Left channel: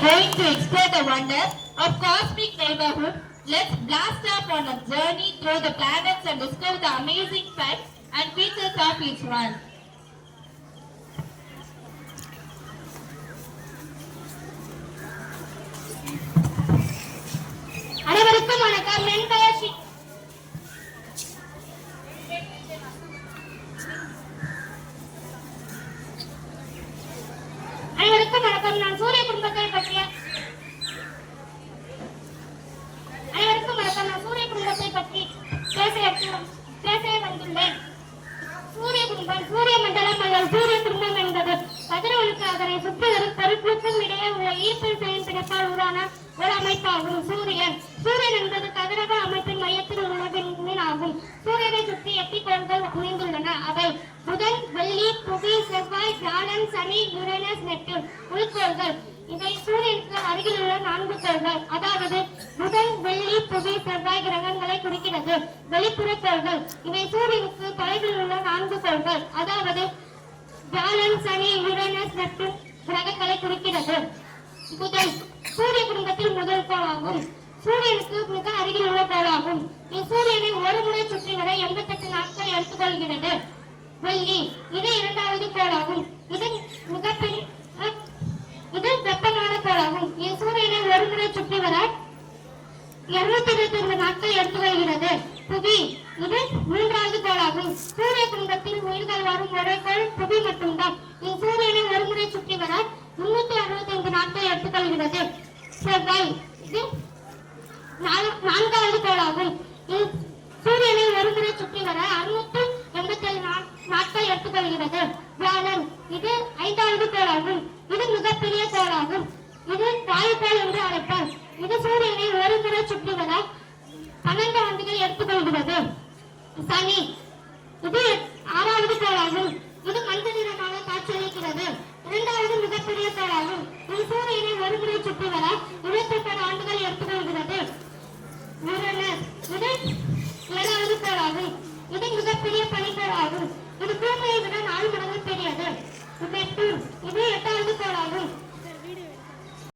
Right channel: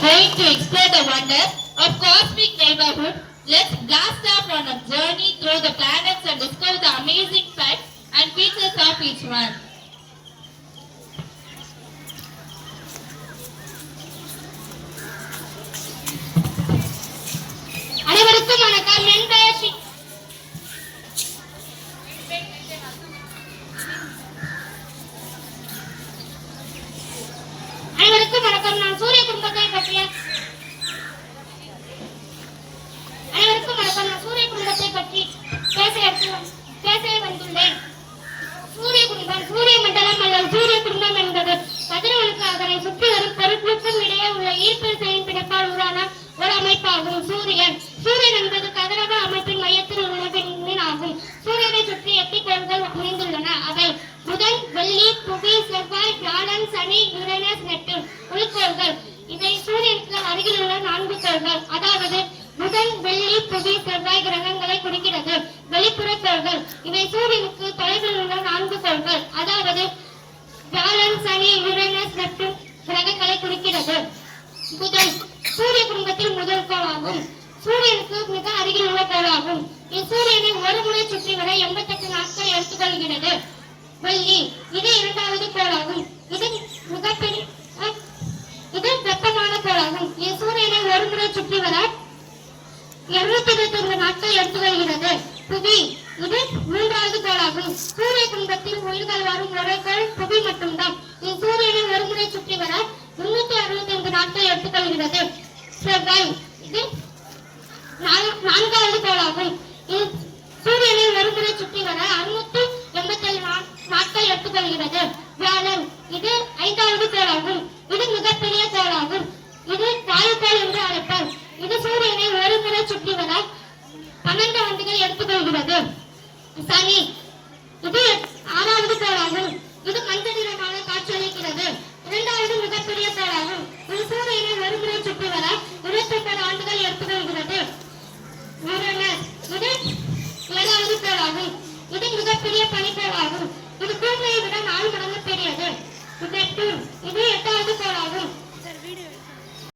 Going to explore the wonder of cosmic neighborhood, let's blast off on a journey through the planets and discover the amazing facts and features of each one. அனைவருக்கும் வணக்கம். என் பெயர் அனைவருக்கும் வணக்கம். நான் சூரிய குடும்பத்தை பற்றி பேச வந்துள்ளேன். சூரிய குடும்பம் சூரிய மண்டலம் அல்லது சூரிய குடும்பம் என்பது கதிரவனுக்கு அதனை சுற்றி வரும் பொருட்களுக்கும் இடையே உள்ள ஈர்ப்பு செயல் பிணைப்பால் உருவான ஒரு அமைப்பாகும். சூரியன் என்பது கதிரவ அமைப்பின் மையத்தில் உள்ள விண்மீன் ஆகும். சூரியனை சுற்றி 8 கோள்கள் அமைந்துள்ளன. அவை புதன், வெள்ளி, புவி, செவ்வாய், வியாழன், சனி, யுரேனஸ், நெப்டியூன் உள்கோள்கள். இவை சூரியனுக்கு அருகில் உள்ள 4 கோள்கள். அதாவது புதன், வெள்ளி, புவி, செவ்வாய் கிரகங்களை குறிக்கிறது. வெளிப்புற கோள்கள் இவை சூரியனுக்கு தொலைவில் உள்ள 4 கோள்கள். அதாவது வியாழன், சனி, யுரேனஸ், நெப்டியூன் கிரகங்களை குறிக்கிறது. புதன் சூரிய குடும்பத்தில் முதல் கோளாகும். சூரியனுக்கு மிக அருகில் உள்ள கோளாகும். இச்சூரியனை ஒரு முறை சுற்றி வர 88 நாட்கள் எடுத்துக்கொள்கிறது. வெள்ளி இது 2வது கோளாகும். இது வெப்பமான கோளாகும். இச்சூரியனை ஒரு முறை சுற்றி வர 222 நாட்கள் எடுத்துக்கொள்கிறது. புவி இது 3வது கோளாகும். சூரிய குடும்பத்தில் உயிர்கள் வரும் ஒரே கோள் புவி மட்டும்தான். இச்சூரியனை ஒரு முறை சுற்றி வர 365 நாட்கள் எடுத்துக்கொள்கிறது. செவ்வாய் இது 4வது கோளாகும். சூரியனை ஒரு முறை சுற்றி வர 687 நாட்கள் எடுத்துக்கொள்கிறது. வியாழன் இது 5வது கோளாகும். இது மிகப்பெரிய கோளாகும். இது வாயுக்கோள் என்று அழைப்பார். இது சூரியனை ஒரு முறை சுற்றி வர 12 ஆண்டுகள் எடுத்துக்கொள்கிறது. சனி இது 6வது கோளாகும். இது மஞ்சள் நிறமாக காட்சியளிக்கிறது. 2வது மிகப்பெரிய கோளாகும். இது சூரியனை ஒரு முறை சுற்றி வர 29 ஆண்டுகள் எடுத்துக்கொள்கிறது. யுரேனஸ் இது 7வது கோளாகும். இது மிகப்பெரிய பனிக்கோளாகும். இது பூமியை விட 4 மடங்கு பெரியது. நெப்டியூன் இது 8வது கோளாகும்.